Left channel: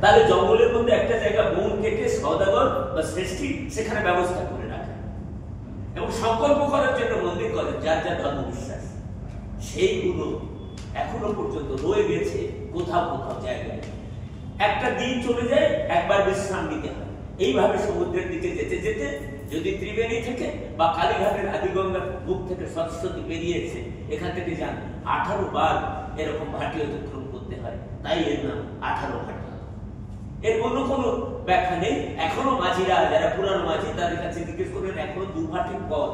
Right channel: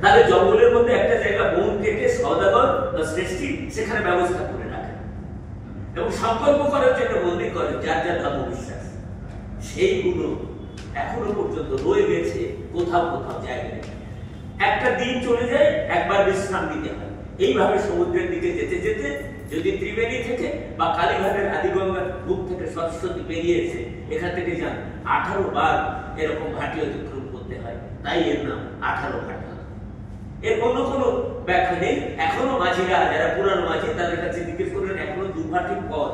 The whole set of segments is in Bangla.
তাহলে জঙ্গলের মধ্যে একটা জায়গা বন কেটে সওদাগর বা শ্রেষ্ঠী সেখানে ব্যবস্থা করে রাখে এবং সংকল্প করার জন্য মন্দির করে যার যার ধর্ম বিশ্বাস। সেইগুলো এখনো পর্যন্ত রয়ে গেছে কোথাও কোথাও জায়গায়। একটা দিন চলে যায়, একবার বিশ্রাম নিতে হয়। এইভাবে সমুদ্রের দিকে যেতে যেতে যদি ত্রিবেণী থেকে বা কালীঘাটের আদিগঙ্গার বুক থেকে সরস্বতী বেরিয়ে এসে এখান থেকে যান, 18 বার এরকম ঘাটি অতিক্রম করতে হয়, তাই এর নাম 18 ঘাটি। এর অন্য কোনো ব্যাখ্যা নেই। এখনো মাঝিরা, যারা পুরানো মাঝি, তাদের কাছে জিজ্ঞেস করলেন এখনো 2 ভাটির পথ,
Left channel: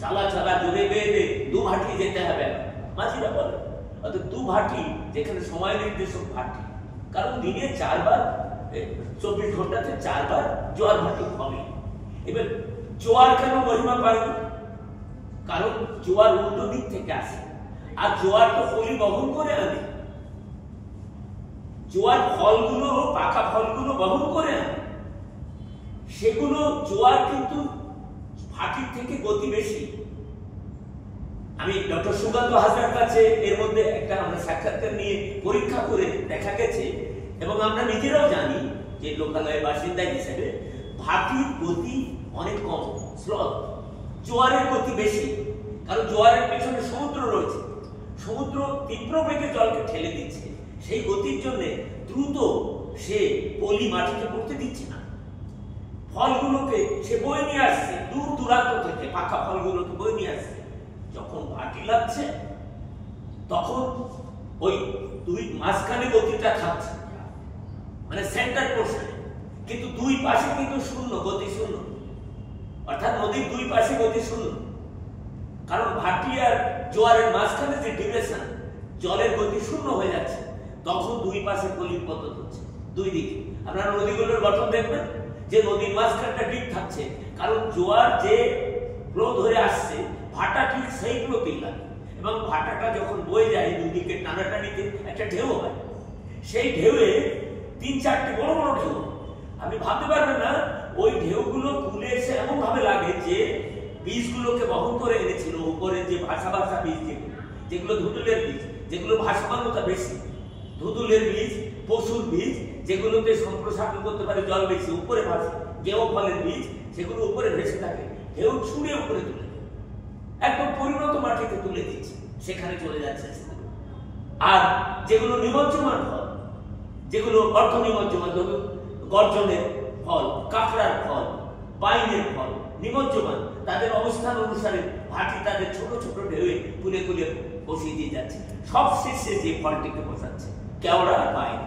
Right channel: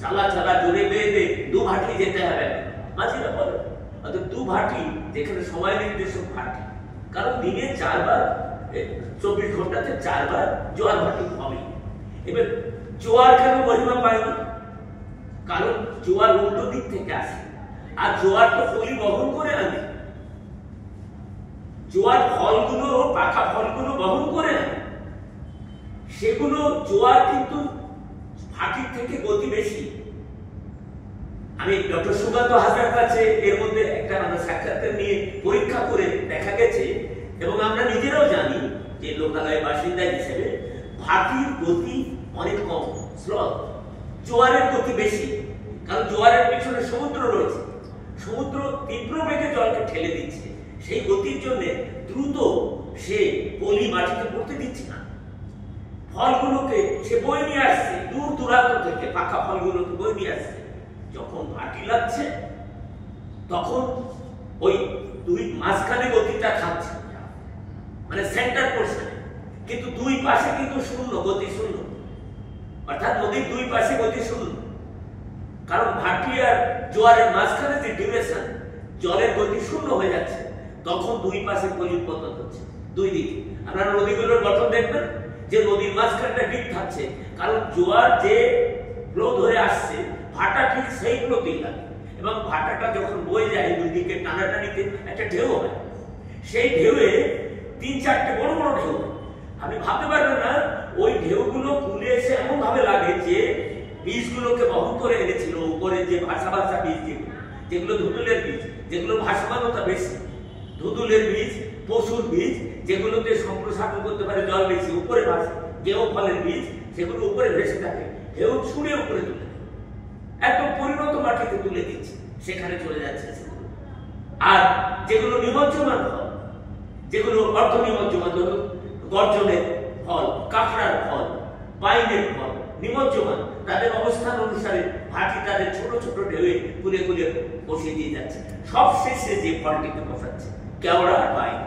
চালা চালা জোরে বেঁধে 2 ভাটি যেতে হবে। মাঝিরা বলে অর্থাৎ 2 ভাটি, যেখানে সময় নির্দেশক ভাটি, কারণ দিনে 4 বার, 24 ঘন্টাতে 4 বার জোয়ার ভাটি হবে। এবার জোয়ার কেন মহিমা পায়নি? কারণ জোয়ার উল্টো দিক থেকে আসে, আর জোয়ার তো পলি বহন করে আনে। জোয়ার ফলগুলো, পাকা ফলগুলো বহন করে আনে, সেগুলো জোয়ার কিন্তু ভাটির থেকে গতি বেশি। আমি ডক্টর সুকান্ত হাজরার কাছে এর মধ্যে একটা আমরা সাক্ষাৎকার নিয়ে পরীক্ষা করে দেখা গেছে, এবং আমরা নিজেরাও জানি যে লোকালয়ের বাসিন্দা হিসেবে, ভাটির গতি অনেক কম, স্রোত। জোয়ারের গতি বেশি, কারণ জোয়ারের পিছনে সমুদ্র রয়েছে। সমুদ্র তীব্র বেগে জলকে ঠেলে দিচ্ছে, সেই গতির জন্য দ্রুত সে পলি মাটিতে পড়তে দিচ্ছে না। ফলগুলোকে সে বয়ে নিয়ে আসছে দূর দূরান্ত থেকে, পাকা ফলগুলোকে বয়ে নিয়ে আসছে। যখন ভাটি লাগছে তখন ওই 2 মাঝখানে গতিটা খাচ্ছে, মানে সেন্টার পোর্শনে, কিন্তু 2 পাশে কিন্তু শূন্য, গতি শূন্য। অর্থাৎ নদীর 2 পাশে গতি শূন্য, কারণ ভাটি আর জোয়ারের মাঝখানে যে ডিউরেশন, জলের গতি শূন্য হয়ে যাচ্ছে। তখন 2 পাশে গলির পতন হচ্ছে, 2 দিকে। আপনারা নদীগুলোর গঠন দেখবেন যে নদীর মাঝখানটা ডিপ থাকছে, কারণ জোয়ার যে ফ্লো ধরে আসছে, ভাটা ঠিক সেই ফ্লোতেই লাগে, এবং ভাটাটা যখন বয়ে যায় 2 দিকে টানাটানিতে একটা ঢেউ হয়। সেই ঢেউয়ে 3-4টে বড় বড় ঢেউ। আপনি ভাবতে পারবেন না, ওই ঢেউগুলো কুলে এসে এমন ভাবে লাগে যে বীজগুলোকে বহন করে এনেছিল উপরে, যে ভাষা ভাষা বীজ, যেগুলো ধুতুলের বীজ, যেগুলো ভাসমানতা বেশি, ধুতুলের বীজ, পশুর বীজ, যেগুলোতে সম্প্রসারণ করতে পারে জল বেশি, উপরে ভাসে, গেও ফলের বীজ, সেগুলো উপরে ভেসে থাকে, ঢেউ ছুঁড়ে উপরে তুলে একদম পরিণত মাটিতে তুলে দিচ্ছে, সেখানে চলে যাচ্ছে সেগুলো। আর যেগুলো নিমজ্জমান ফল, যেগুলো অর্ধ নিমজ্জমান, ধরুন গর্জনের ফল, কাঁকড়ার ফল, পাইনের ফল, নিমজ্জমান, তাদের অবস্থান অনুসারে ভাটি তাদের ছোট ছোট ঢেউয়ে কুলে কুলে বসিয়ে দিয়ে যাচ্ছে। সব শেষে যে ফলটিকে বসাচ্ছে কেওড়া আর পাইন,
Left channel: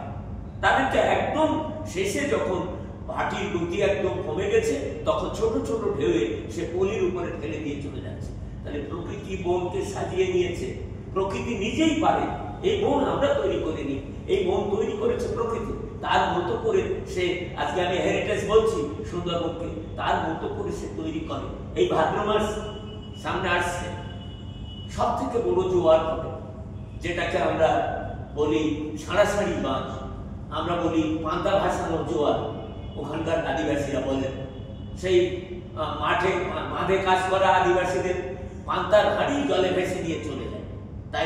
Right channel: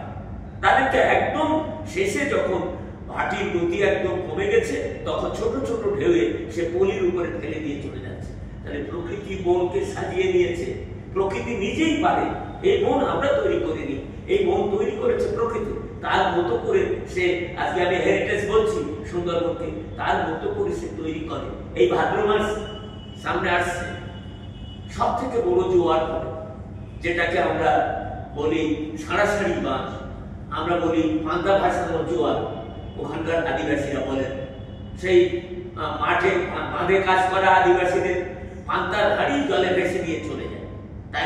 তাদেরকে একদম শেষে যখন ভাটির গতি একদম কমে গেছে, তখন ছোট ছোট ঢেউয়ে সে পলির উপরে ফেলে দিয়ে চলে যাচ্ছে। তাহলে প্রকৃতি বনকে সাজিয়ে নিয়েছে, প্রকৃতি নিজেই পারে। এই বন আমরা তৈরি করিনি, এই বন তৈরি করেছে প্রকৃতি, তার মতো করে সে, আজকে আমি হেরিটেজ বলছি সুন্দরবনকে, তার মতো করে সে তৈরি করে। এই ভাদ্র মাস সামনে আসছে, সব থেকে বড় জোয়ার হবে, যেটাকে আমরা বলি সারাসারি বাঁধ, আমরা বলি পান্তা ভাসানো জোয়ার, ওখানকার আদিবাসীরা বলেন। সেই মাঠে বাঁধে কাজ করা আদিবাসীদের পান্তার হাড়ি জলে ভেসে দিয়ে চলে যায়।